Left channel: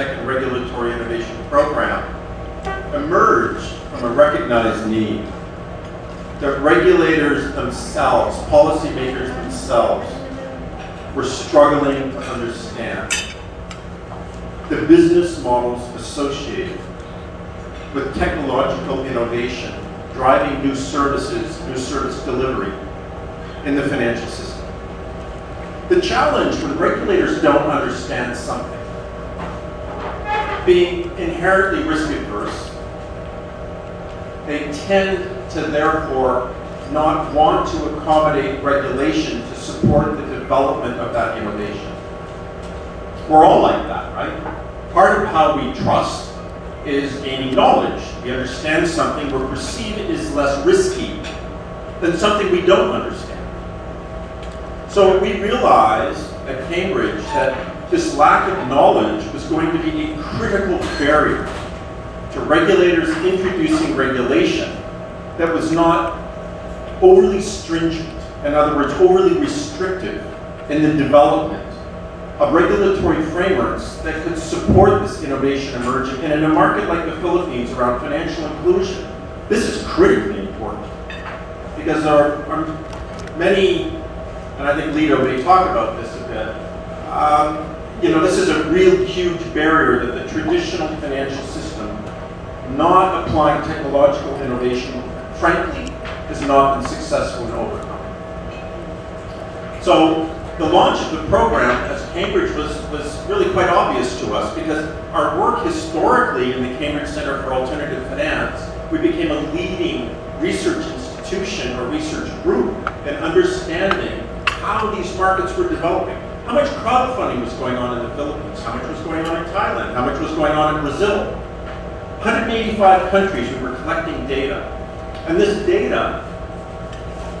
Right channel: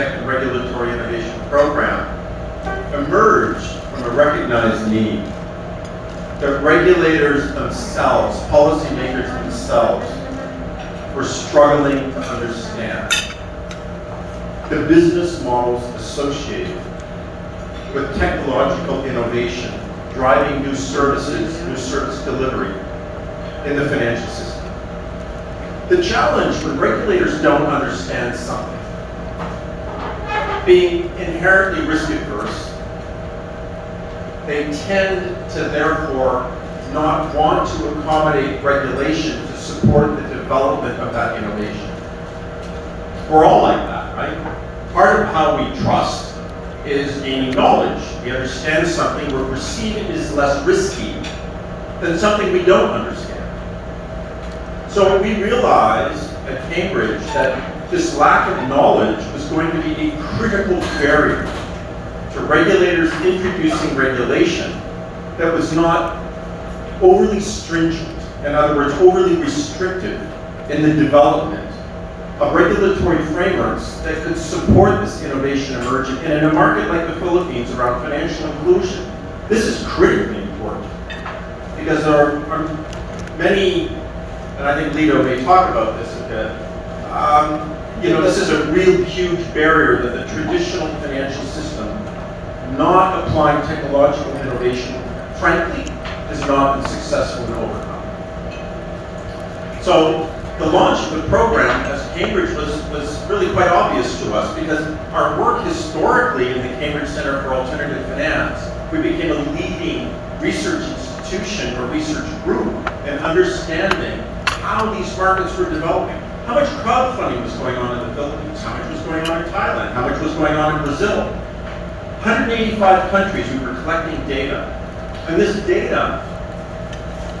Fintech and Regulatory Innovation Program emerged from a recognized need that regulators themselves, policymakers themselves, were struggling to understand the business models associated with technological innovation, driving new services, new service delivery in the financial system. The challenge when regulators don't understand something, being inherently risk adverse, they tend to therefore not want to accommodate regulation to support the development of that innovation. We're all like that, right? Part of how we trust is gaining knowledge. We understand something, we perceive it as less risky than something we don't understand. So we realized at Cambridge that this lack of knowledge was going to be a critical barrier to regulators introducing regulation that was not overly stringent, in other words, overly restrictive in the development of regulatory frameworks that could support this innovation emerging. And in a market like the Philippines around financial inclusion, this is critically important because there are many, and I think Lito may talk about this a bit, this is a real huge barrier that the traditional financial system, not applying technological innovation, frankly, has not been successful in overcoming. So the launch of the program as Cambridge was really quite obvious to us because our work historically in the Cambridge Center for Alternative Finance, we became a leading research institution or research group in understanding how these markets were developing. How much crowdfunding was going on in the Philippines? How much was going on in Thailand? How much was going on in Brazil? 185 countries we were collecting data. And this data,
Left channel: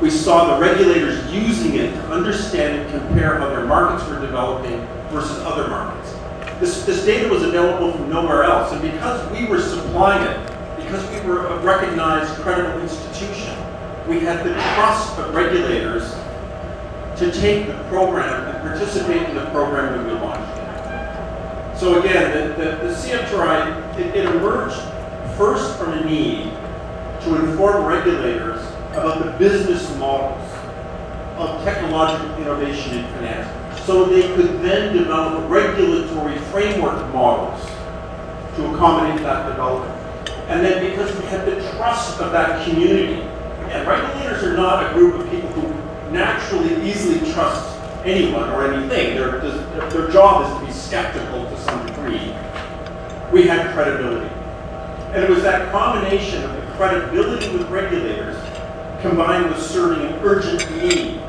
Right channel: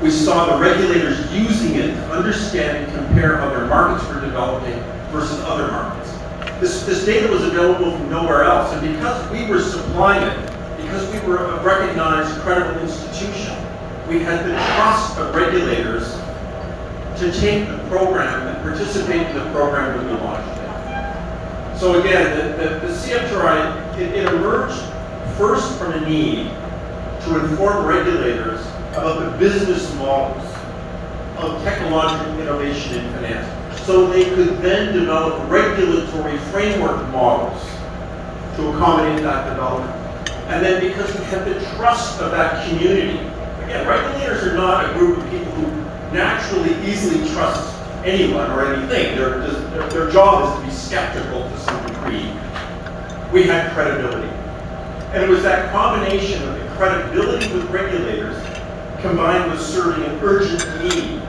we saw the regulators using it to understand and compare how their markets were developing versus other markets. This data was available from nowhere else, and because we were supplying it, because we were a recognized, credible institution, we had the trust of regulators to take the program and participate in the program when we launched it. So again, the CFTRI, it emerged first from a need to inform regulators about the business models of technological innovation in finance, so they could then develop regulatory framework models to accommodate that development. And then because we had the trust of that community, again, regulators are not a group of people who naturally easily trust anyone or anything. Their job is to be skeptical to some degree. We had credibility. And it was that combination of the credibility with regulators combined with serving an urgent need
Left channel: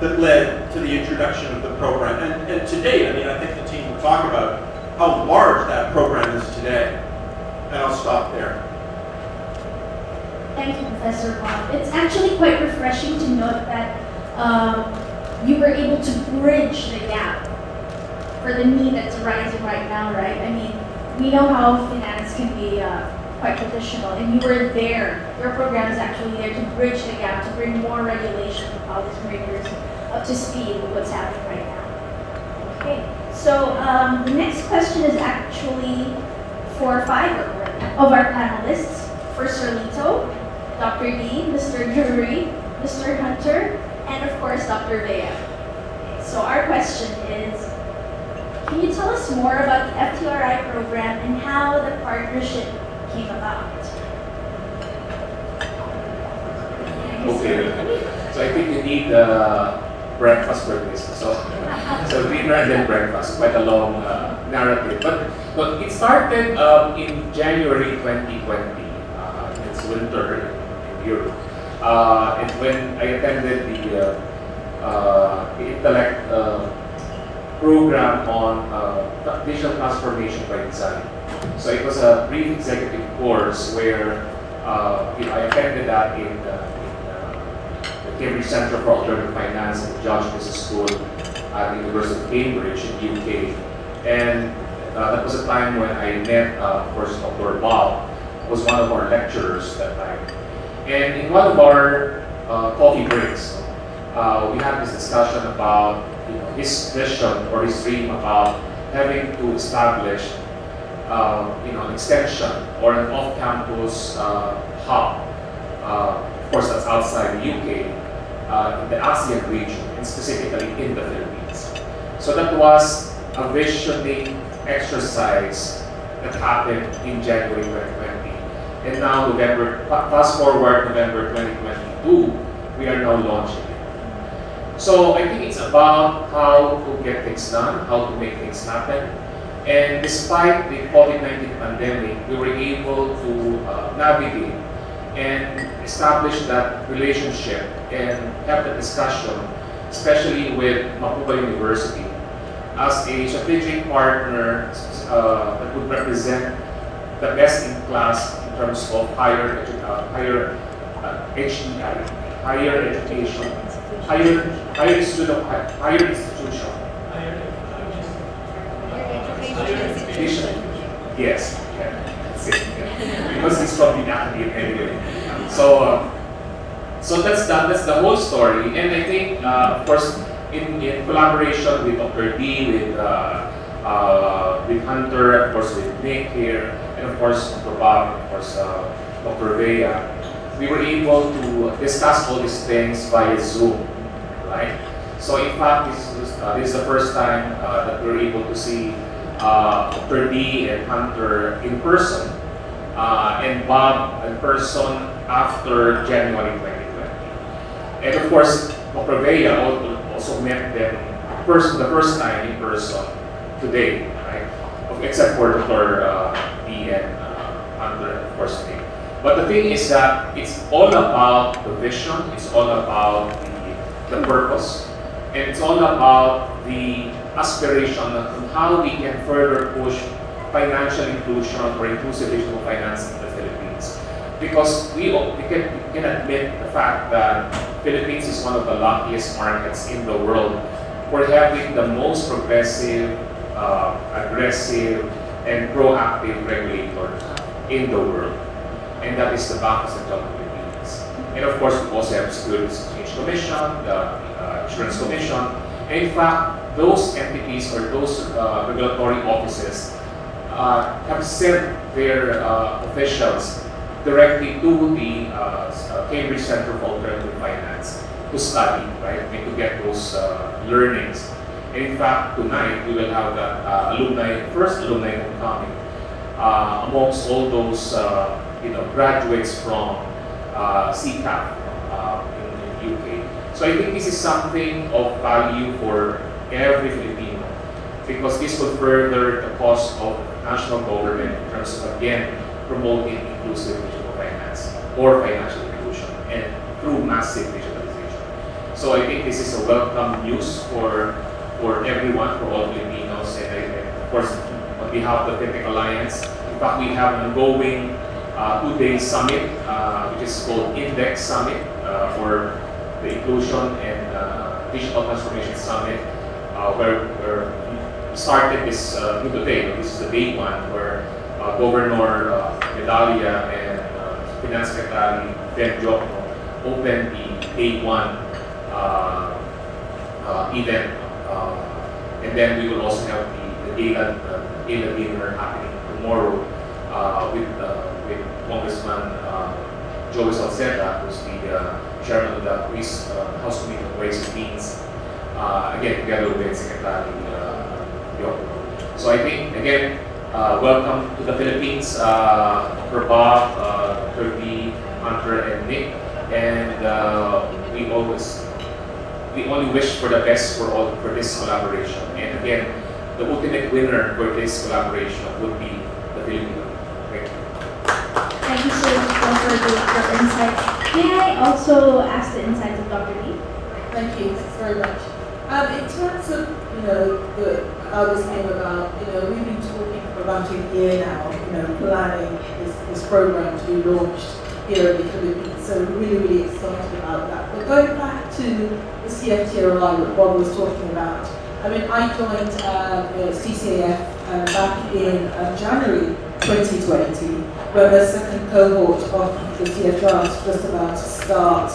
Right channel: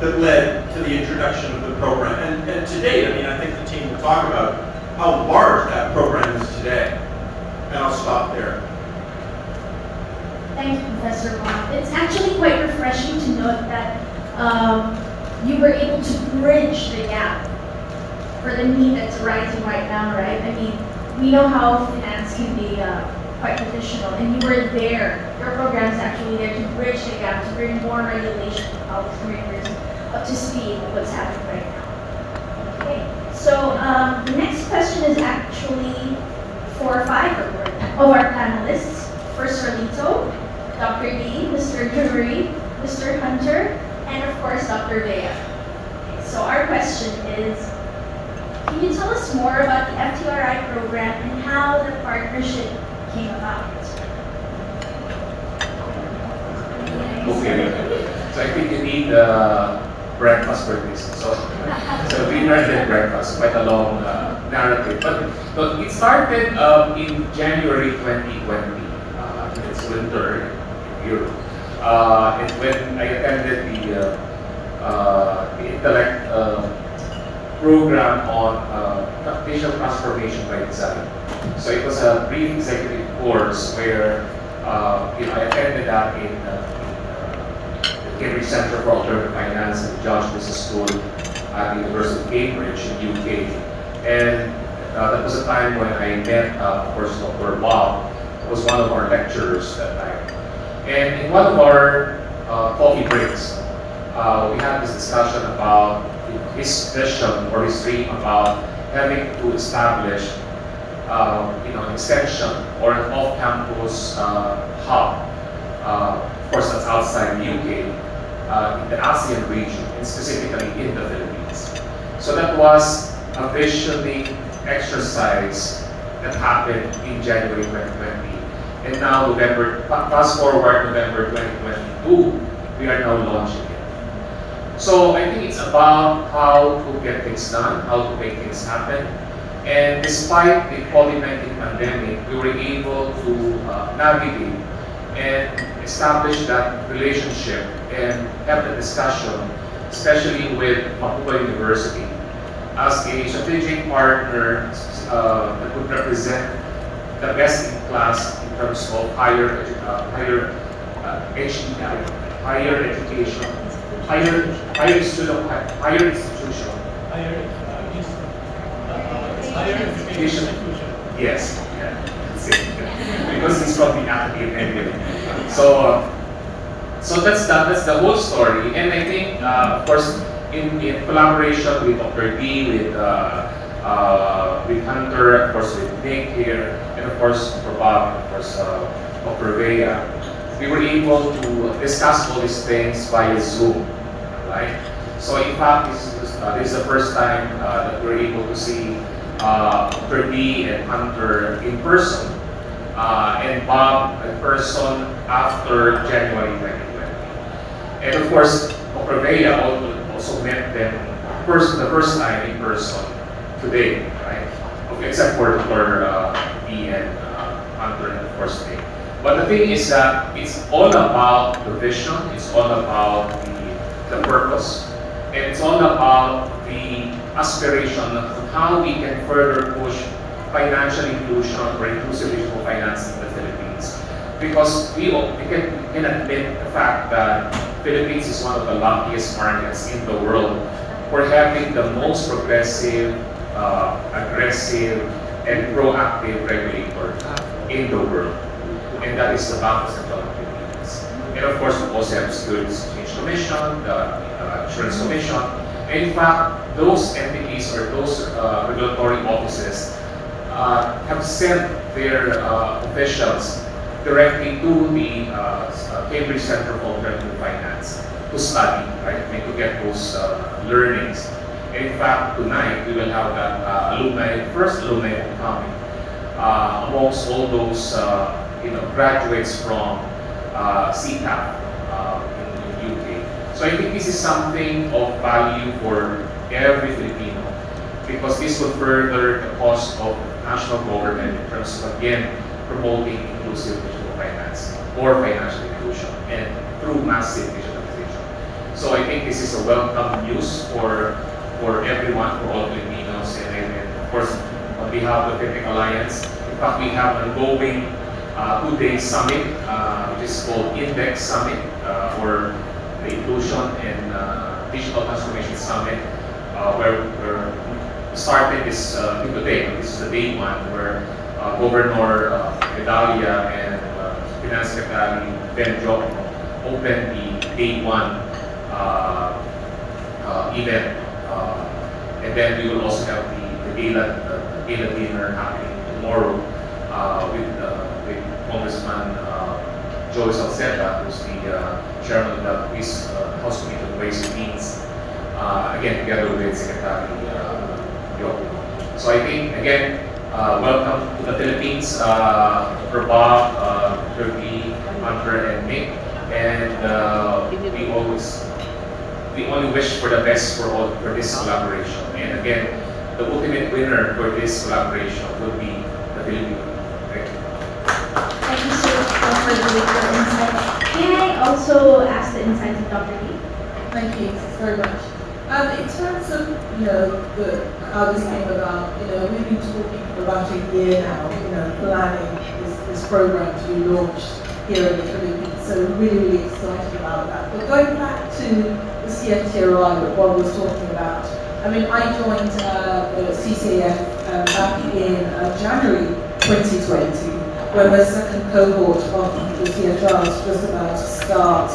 that led to the introduction of the program. And today, I think the team will talk about how large that program is today. And I'll stop there. Thank you, Professor Bob. It's actually quite refreshing to note that you were able to bridge the gap for the need that's arising right now, right? We know how finance can be quite traditional, and you were there. Your program is actually there to bridge the gap, to bring more regulation to policymakers up to speed with what's happening right now. Okay, so the next question is actually for 5 of our panelists. First, Rolito, Dr. Lee, Mr. Drury, Mr. Hunter, and of course, Dr. Vea. So our question is, can you tell us more about the FTRI program and how the partnership came about? Okay, so I think you need breakfast for this. So dinner and then breakfast, quite a long narrative. But it started in January 2020. It's winter in Europe. And when I attended the Intellect program on digital transformation by design. So it was a brief executive course where I attended that in the Cambridge Center for Alternative Finance at Josh Business School at the University of Cambridge in the UK. And that was a time when I met, of course, Dr. Bob, who was one of our lecturers that time. And in one of our coffee breaks, we had this discussion about his vision or his dream about having to establish an extension or an off-campus hub. Of course, that's outside the UK, in the ASEAN region, and specifically in the Philippines. So that was a visioning exercise that happened in January 2020. And now fast forward November 2022, we are now launching it. So I think it's about how to get things done, how to make things happen. And despite the COVID-19 pandemic, we were able to navigate and establish that relationship and have the discussion, especially with Mapua University, as a strategic partner that would represent the best in class in terms of higher education, higher institution. Higher education. Yes, yeah, that's it. Because he's from the academy anyway. So that's the whole story. And I think, of course, in collaboration with Dr. D, with Hunter, of course, with Nick here, and of course, Dr. Bob, of course, Dr. Vea, we were able to discuss all these things via Zoom, right? So in fact, this is the first time that we're able to see Dr. D and Hunter in person, and Bob in person after January 2020. And of course, Dr. Vea also met them the first time in person today, right? Except for Dr. D and Hunter, and of course, me. But the thing is that it's all about the vision, it's all about the purpose, and it's all about the aspiration on how we can further push financial inclusion or inclusive digital finance in the Philippines. Because we can admit the fact that Philippines is one of the luckiest markets in the world. We're having the most progressive, aggressive, and proactive regulator in the world. And that is the Bank of Central Philippines. And of course, we also have the Securities Exchange Commission, the Insurance Commission. And in fact, those entities or those regulatory offices have sent their officials directly to the Cambridge Center for Alternative Finance to study, right? To get those learnings. And in fact, tonight we will have that first alumni homecoming amongst all those graduates from CCAP in UK. So I think this is something of value for every Filipino, because this will further the cause of national government in terms of, again, promoting inclusive digital finance or financial inclusion and through massive digitalization. So I think this is a welcome news for everyone, for all Filipinos, and of course, on behalf of the Fintech Alliance, in fact, we have an ongoing 2-day summit, which is called Index Summit for the Inclusion and Digital Transformation Summit, where we started this today. This is the day one, where Governor Medalia and Finance Secretary Ben Jok opened the day one event. And then we will also have the gala dinner happening tomorrow with Congressman Joey Salceta, who's the chairman of the House Committee on Ways and Means, again, together with Secretary Yoko. So I think, again, welcome to the Philippines, for Bob, Kirby, Hunter, and Nick. And we only wish for the best for this collaboration. And again, the ultimate winner for this collaboration would be the Philippines. Thank you. Thank you, sir, for the insights. May I also ask the insights of Dr. Lee? Thank you very much. In terms of, how this came about, we've been talking for about a year now, planning this program to be launched here in the Philippines. So we're really, really excited about that. But going back to the CFTRI, what Bob was talking about, I joined the CCAF back in January 2020, when the second cohort of the CFTRI was just about to start.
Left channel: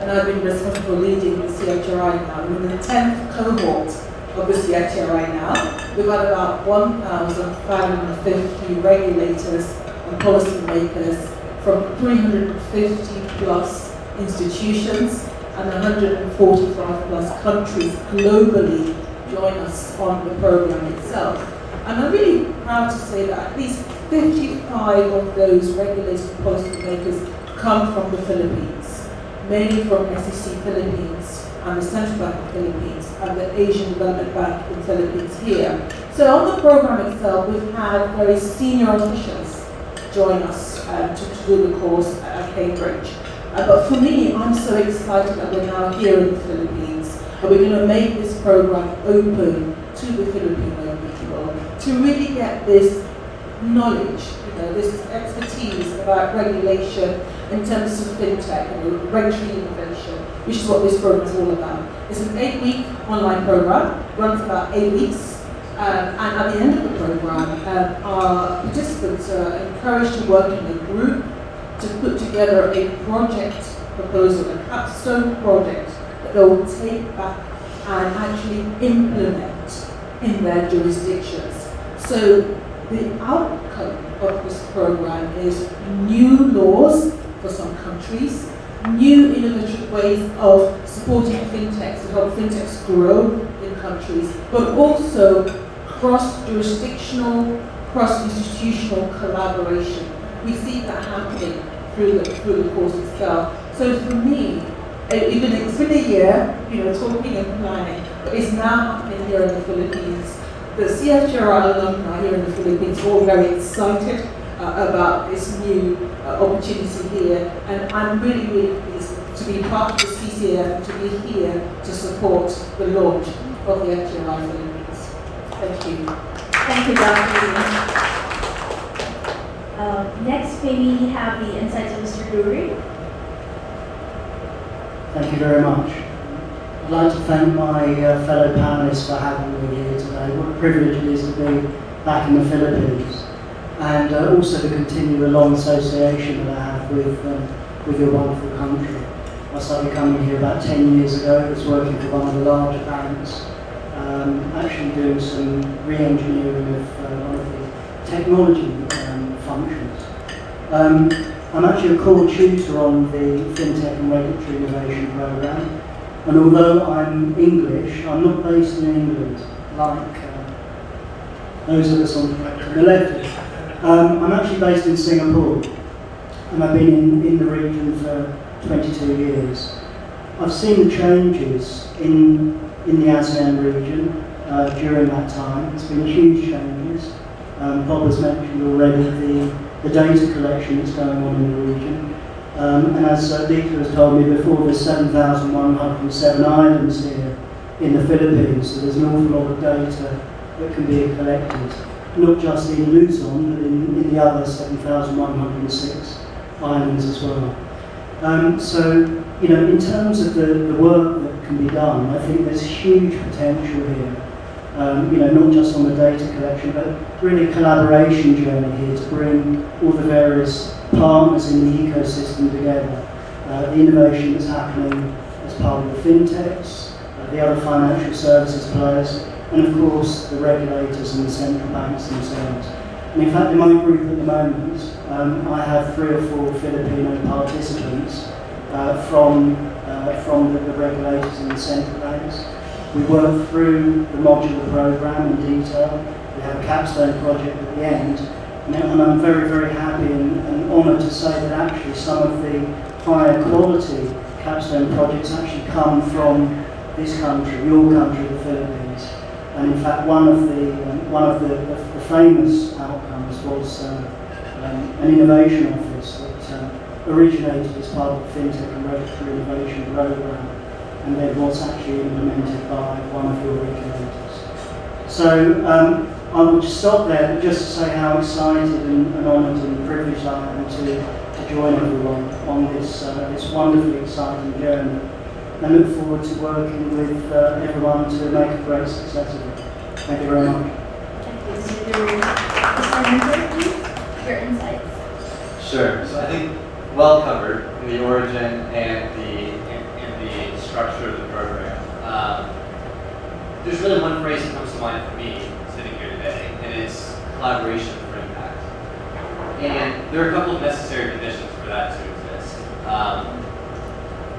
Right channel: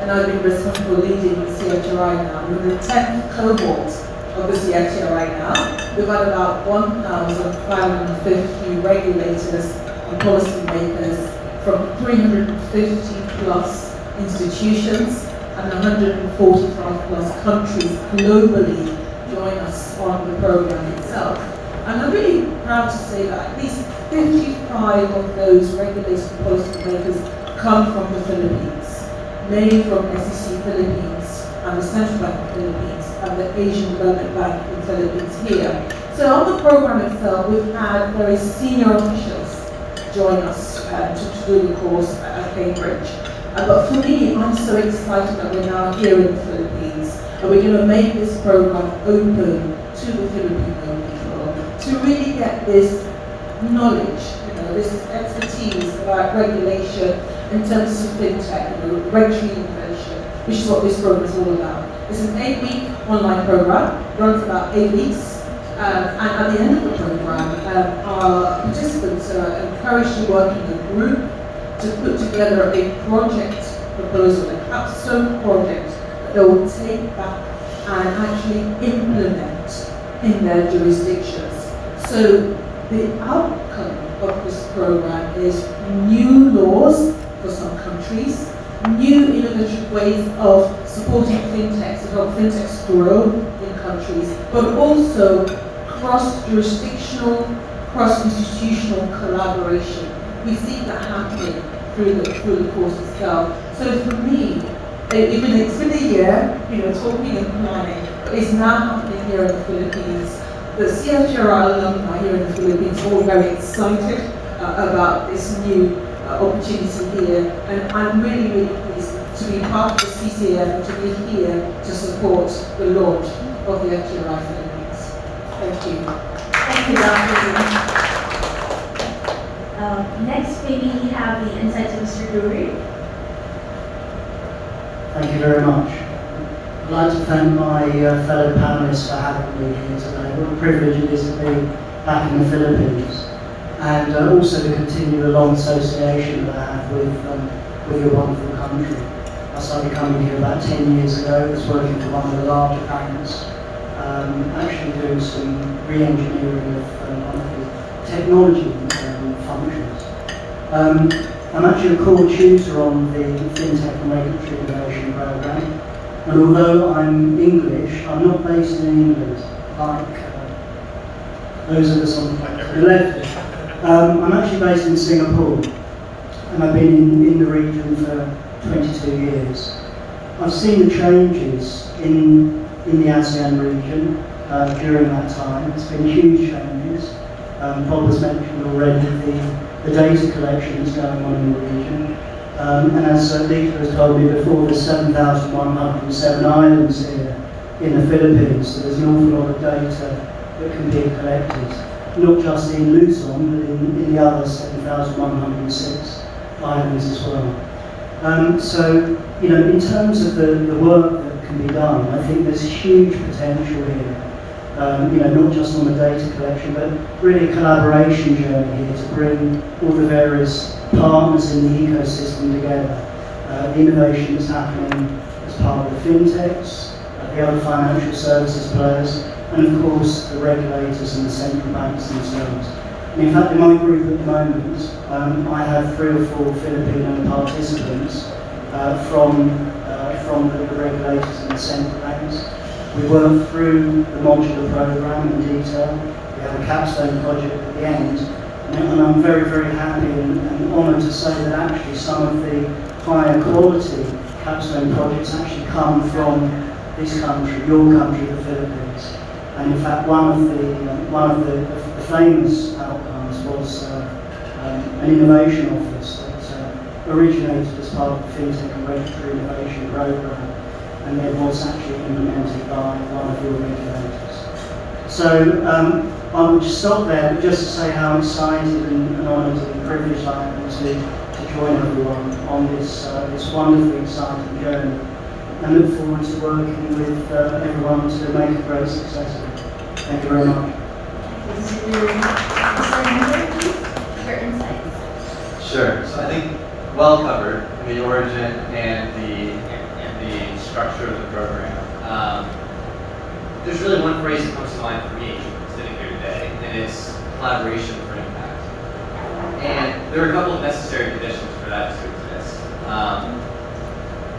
And I've been responsible for leading the CFTRI now. I'm in the 10th cohort of the CFTRI now, we've had about 1,550 regulators and policymakers from 350 plus institutions and 145 plus countries globally join us on the program itself. And I'm really proud to say that at least 55 of those regulators and policymakers come from the Philippines, mainly from SEC Philippines and the Central Bank of the Philippines and the Asian Development Bank in the Philippines here. So on the program itself, we've had very senior officials join us to do the course at Cambridge. But for me, I'm so excited that we're now here in the Philippines and we're going to make this program open to the Filipino people to really get this knowledge, this expertise about regulation in terms of fintech, regulatory innovation, which is what this program is all about. It's an 8-week online program, runs for about 8 weeks, and at the end of the program, our participants are encouraged to work in a group to put together a project proposal, a capstone project that they will take back and actually implement in their jurisdictions. So the outcome of this program is new laws for some countries, new innovative ways of supporting fintechs to help fintechs grow in countries, but also cross-jurisdictional, cross-institutional collaboration. We see that happening through the course itself. So for me, it's been a year, talking and planning, but it's now happening here in the Philippines. The CFGRR alumni here in the Philippines are all very excited about this new opportunity here, and I'm really, really pleased to be part of the CCF and to be here to support the launch of the FGRI Philippines. Thank you. Thank you, Dr. Next, maybe we have the insights of Mr. Drury. Thank you very much. I'd like to thank my fellow panelists for having me here today. What a privilege it is to be back in the Philippines, and also to continue the long association that I have with your wonderful country. I started coming here about 10 years ago. I was working for one of the larger banks, actually doing some re-engineering of one of the technology functions. I'm actually a core tutor on the Fintech and Regulatory Innovation Programme, and although I'm English, I'm not based in England like those of us on the left. I'm actually based in Singapore, and I've been in the region for 22 years. I've seen the changes in the ASEAN region during that time. It's been huge changes. Bob has mentioned already the data collection that's going on in the region. And as Lika has told me before, there's 7,107 islands here in the Philippines, so there's an awful lot of data that can be collected, not just in Luzon, but in the other 7,106 islands as well. So, in terms of the work that can be done, I think there's huge potential here. Not just on the data collection, but really a collaboration journey here to bring all the various partners in the ecosystem together. The innovation that's happening as part of the fintechs, the other financial services players, and of course the regulators and the central banks themselves. And in fact, in my group at the moment, I have 3 or 4 Filipino participants from the regulators and the central banks. We work through the modular program in detail. We have a capstone project at the end. And I'm very, very happy and honoured to say that actually some of the higher quality capstone projects actually come from this country, your country, the Philippines. And in fact, one of the famous outcomes was an innovation office that originated as part of the Fintech and Regulatory Innovation Programme, and then was actually implemented by one of your regulators. So I will just stop there, but just to say how excited and honoured and privileged I am to join everyone on this wonderfully exciting journey, and look forward to working with everyone to make a great success of it. Thank you very much. Your insights. Sure. So I think well covered the origin and the structure of the program. There's really one phrase that comes to mind for me sitting there are a couple of necessary conditions for that to exist. I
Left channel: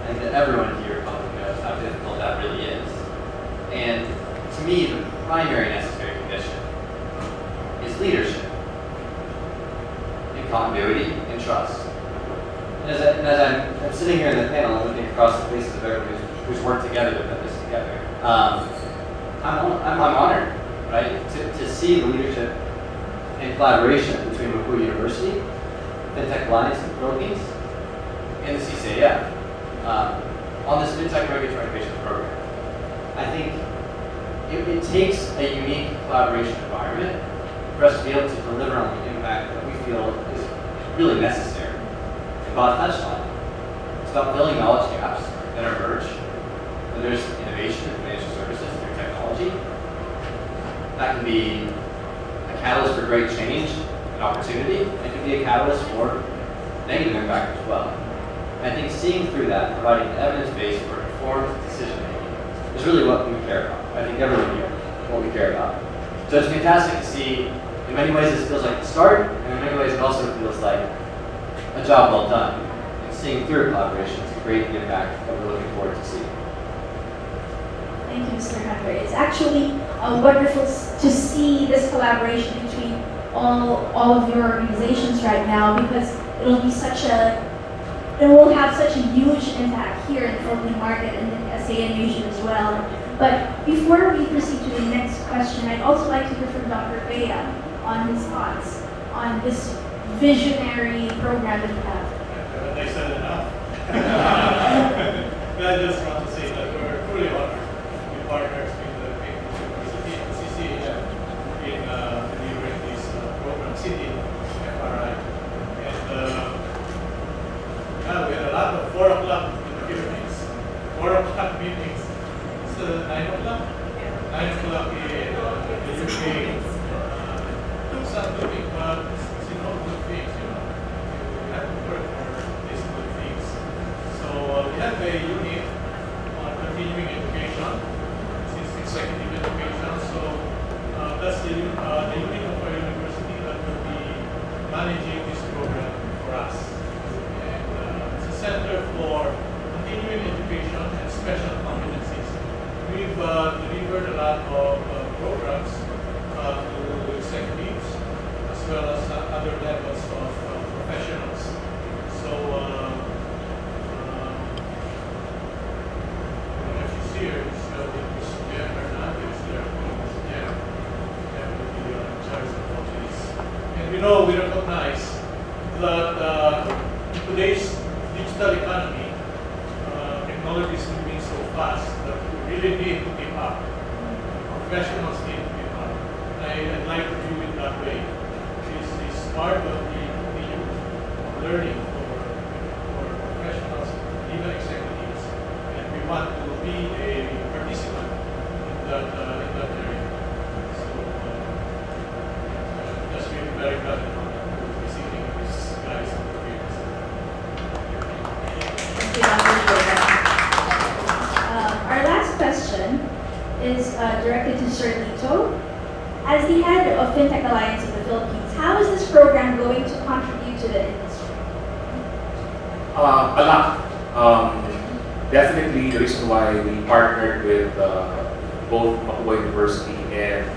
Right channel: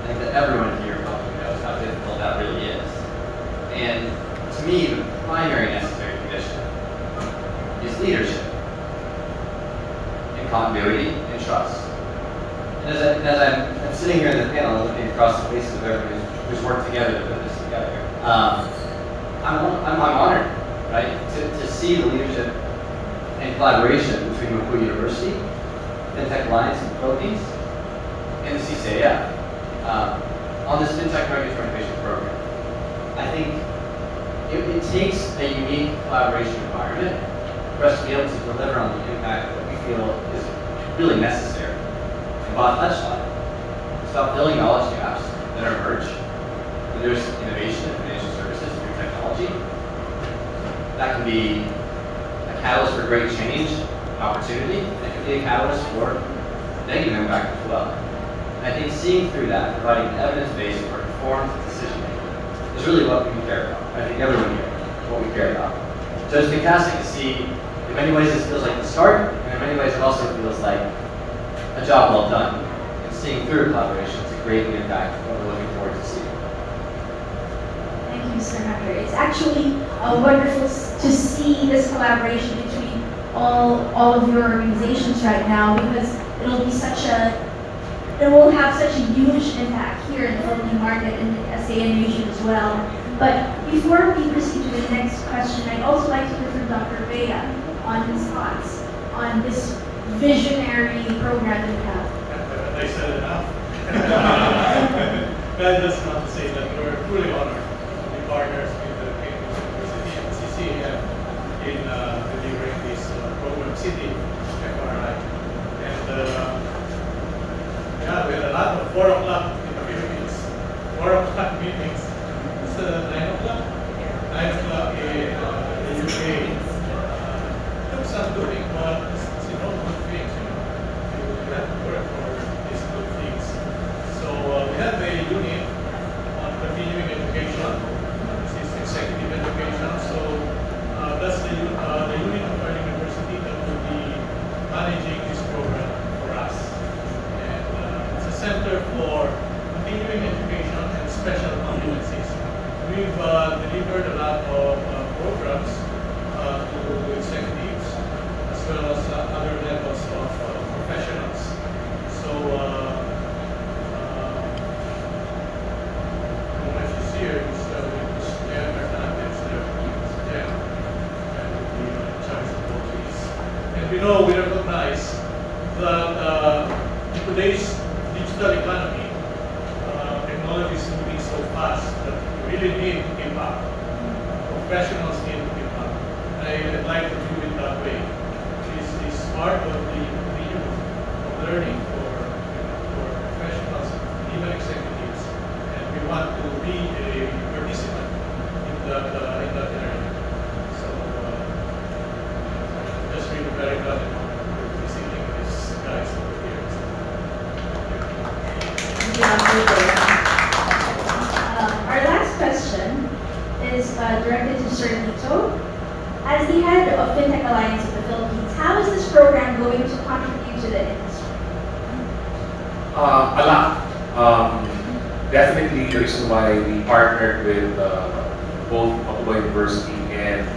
think that everyone here probably knows how difficult that really is. And to me, the primary necessary condition is leadership, and continuity, and trust. And as I'm sitting here in the panel and looking across the faces of everyone who's worked together to put this together, I'm honored, right, to see the leadership and collaboration between Mapu University, Fintech Alliance in the Philippines, and the CCAF on this Fintech Regulatory Innovation Program. I think it takes a unique collaboration environment for us to be able to deliver on the impact that we feel is really necessary. And Bob touched on it. It's about filling knowledge gaps that emerge when there's innovation in financial services through technology. That can be a catalyst for great change, opportunity. It can be a catalyst for negative impact as well. And I think seeing through that, providing evidence base for informed decision making is really what we care about. I think everyone here, what we care about. So it's fantastic to see. In many ways, it feels like the start, and in many ways, it also feels like a job well done. And seeing through collaboration to create the impact that we're looking forward to see. Thank you, Sir Hunter. It's actually wonderful to see this collaboration between all of your organizations right now, because it will have such a huge impact here in the Philippine market and in ASEAN region as well. But before we proceed to the next question, I'd also like to hear from Dr. Bea on his thoughts on this visionary program that we have. They said enough. I just want to say that we're fully honored to be partners with the Cambridge University and CCAF in delivering this program, City FRI. And yeah, we had a lot of 4 o'clock activities, 4 o'clock meetings. It's 9 o'clock. 9 o'clock in the UK. Took some doing, but it's good things. We have to work for these good things. So we have a unit on continuing education. This is executive education. So that's the unit of our university that will be managing this program for us. And it's a center for continuing education and special competencies. We've delivered a lot of programs to executives as well as other levels of professionals. So, what is here is Jeff Hernandez, Jeff, and Charles Portuguese. And we recognize that in today's digital economy, technology is moving so fast that we really need to keep up. Professionals need to keep up. I'd like to view it that way. This is part of the learning for professionals, even executives, and we want to be a participant in that area. So, just really very glad to be seeing these guys over here. Our last question is directed to Sir Lito. As the head of Fintech Alliance of the Philippines, how is this program going to contribute to the industry? A lot. Definitely the reason why we partnered with both Mapu University and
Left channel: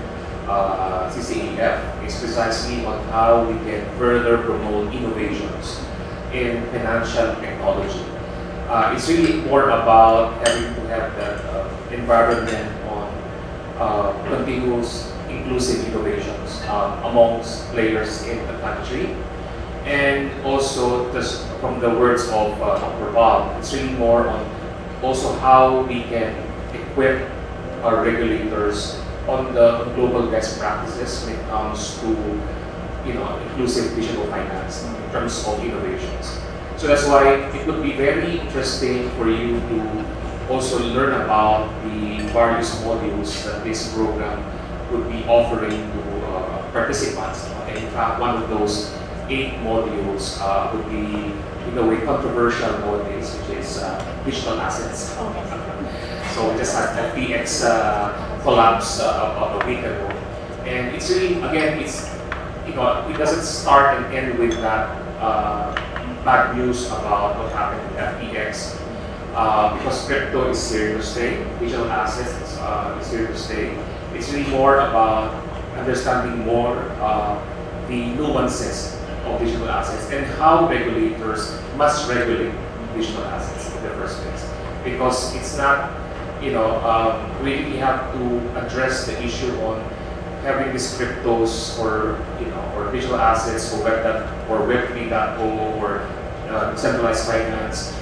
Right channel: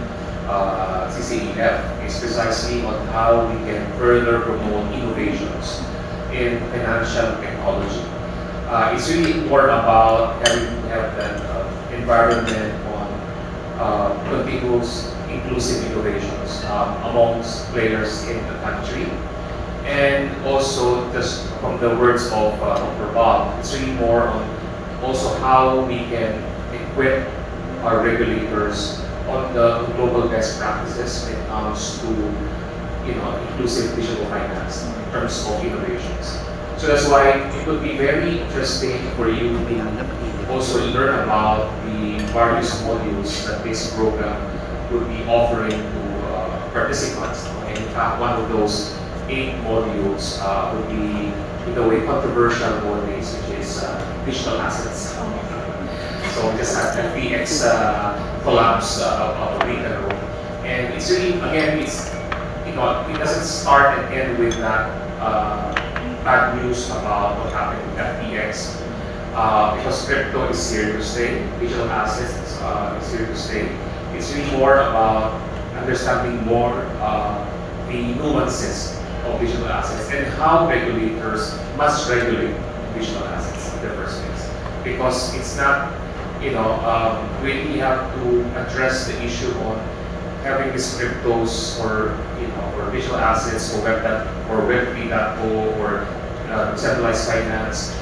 CCAF is precisely on how we can further promote innovations in financial technology. It's really more about having to have the environment on continuous inclusive innovations amongst players in the country. And also, just from the words of Dr. Bob, it's really more on also how we can equip our regulators on the global best practices when it comes to inclusive digital finance in terms of innovations. So that's why it would be very interesting for you to also learn about the various modules that this program will be offering to participants. And in fact, one of those 8 modules would be, in a way, controversial nowadays, which is digital assets. So we just had the FTX collapse a week ago. And it's really, again, it's but it doesn't start and end with that bad news about what happened with FTX. Because crypto is here to stay, digital assets is here to stay. It's really more about understanding more the nuances of digital assets and how regulators must regulate digital assets in the first place. Because it's not, really we have to address the issue on having these cryptos or or digital assets or Web 3.0 or decentralized finance,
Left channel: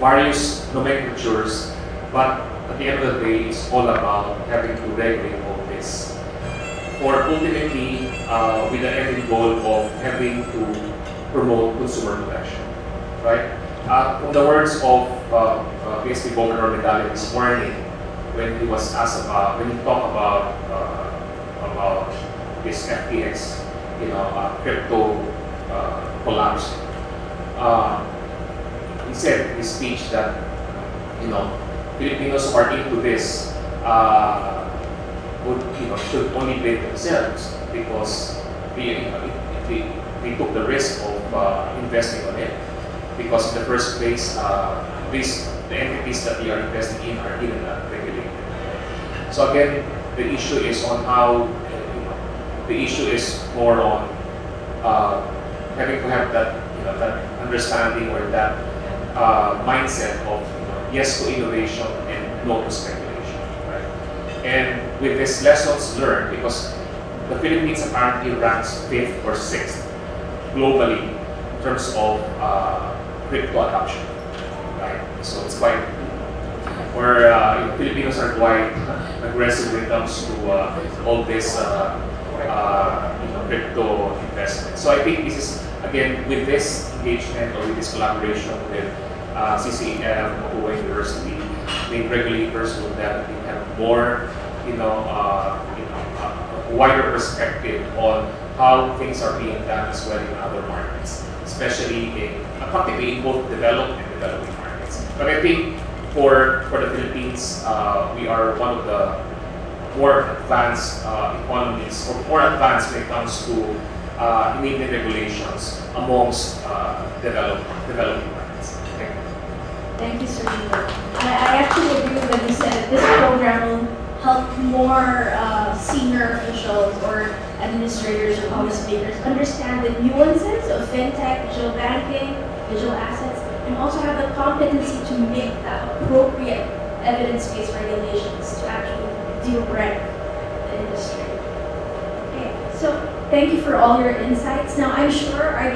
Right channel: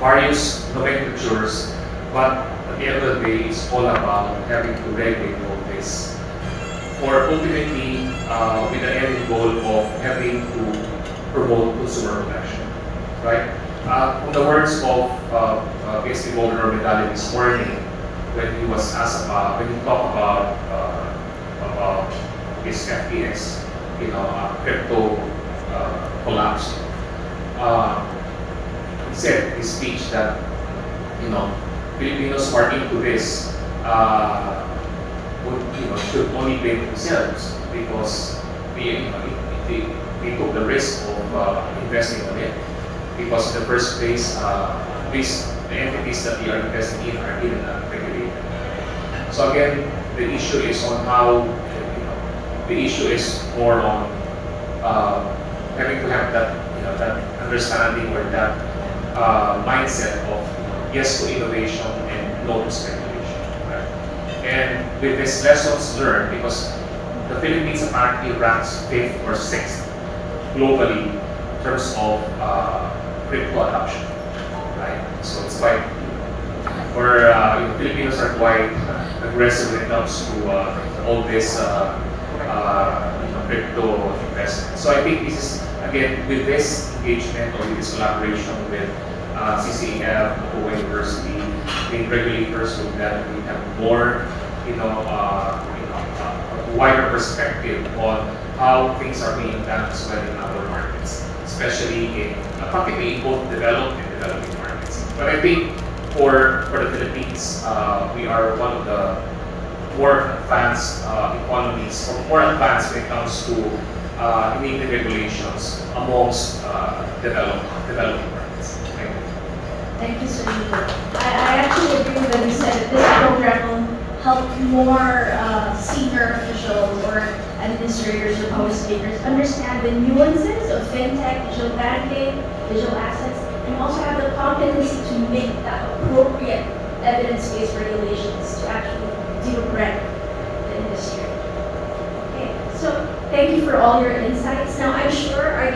various nomenclatures, but at the end of the day, it's all about having to regulate all this. For ultimately, with the end goal of having to promote consumer protection, right? From the words of BSP Governor Medallion this morning, when he was asked about, when he talked about this FTX, crypto collapse, he said in his speech that Filipinos who are into this should only blame themselves because they took the risk of investing on it. Because in the first place, the entities that they are investing in are even regulated. So again, the issue is on how the issue is more on having to have that that understanding or that mindset of yes to innovation and no to speculation. Right? And with these lessons learned, because the Philippines apparently ranks 5th or 6th globally in terms of crypto adoption, right? So it's quite where Filipinos are quite aggressive when it comes to all this crypto investment. So I think this is again with this engagement or with this collaboration with CCAF, Open University, the regulators will definitely have more, a wider perspective on how things are being done as well in other markets, especially in practically both developed and developing markets. But I think for the Philippines, we are one of the more advanced economies, or more advanced when it comes to enabling regulations amongst developing markets. Thank you. Thank you, Sir Nico. I actually agree with what you said, that this program will help more senior officials or administrators or policymakers understand the nuances of fintech, digital banking, digital assets, and also have the competency to make the appropriate evidence-based regulations to actually direct the industry. Okay, so thank you for all your insights.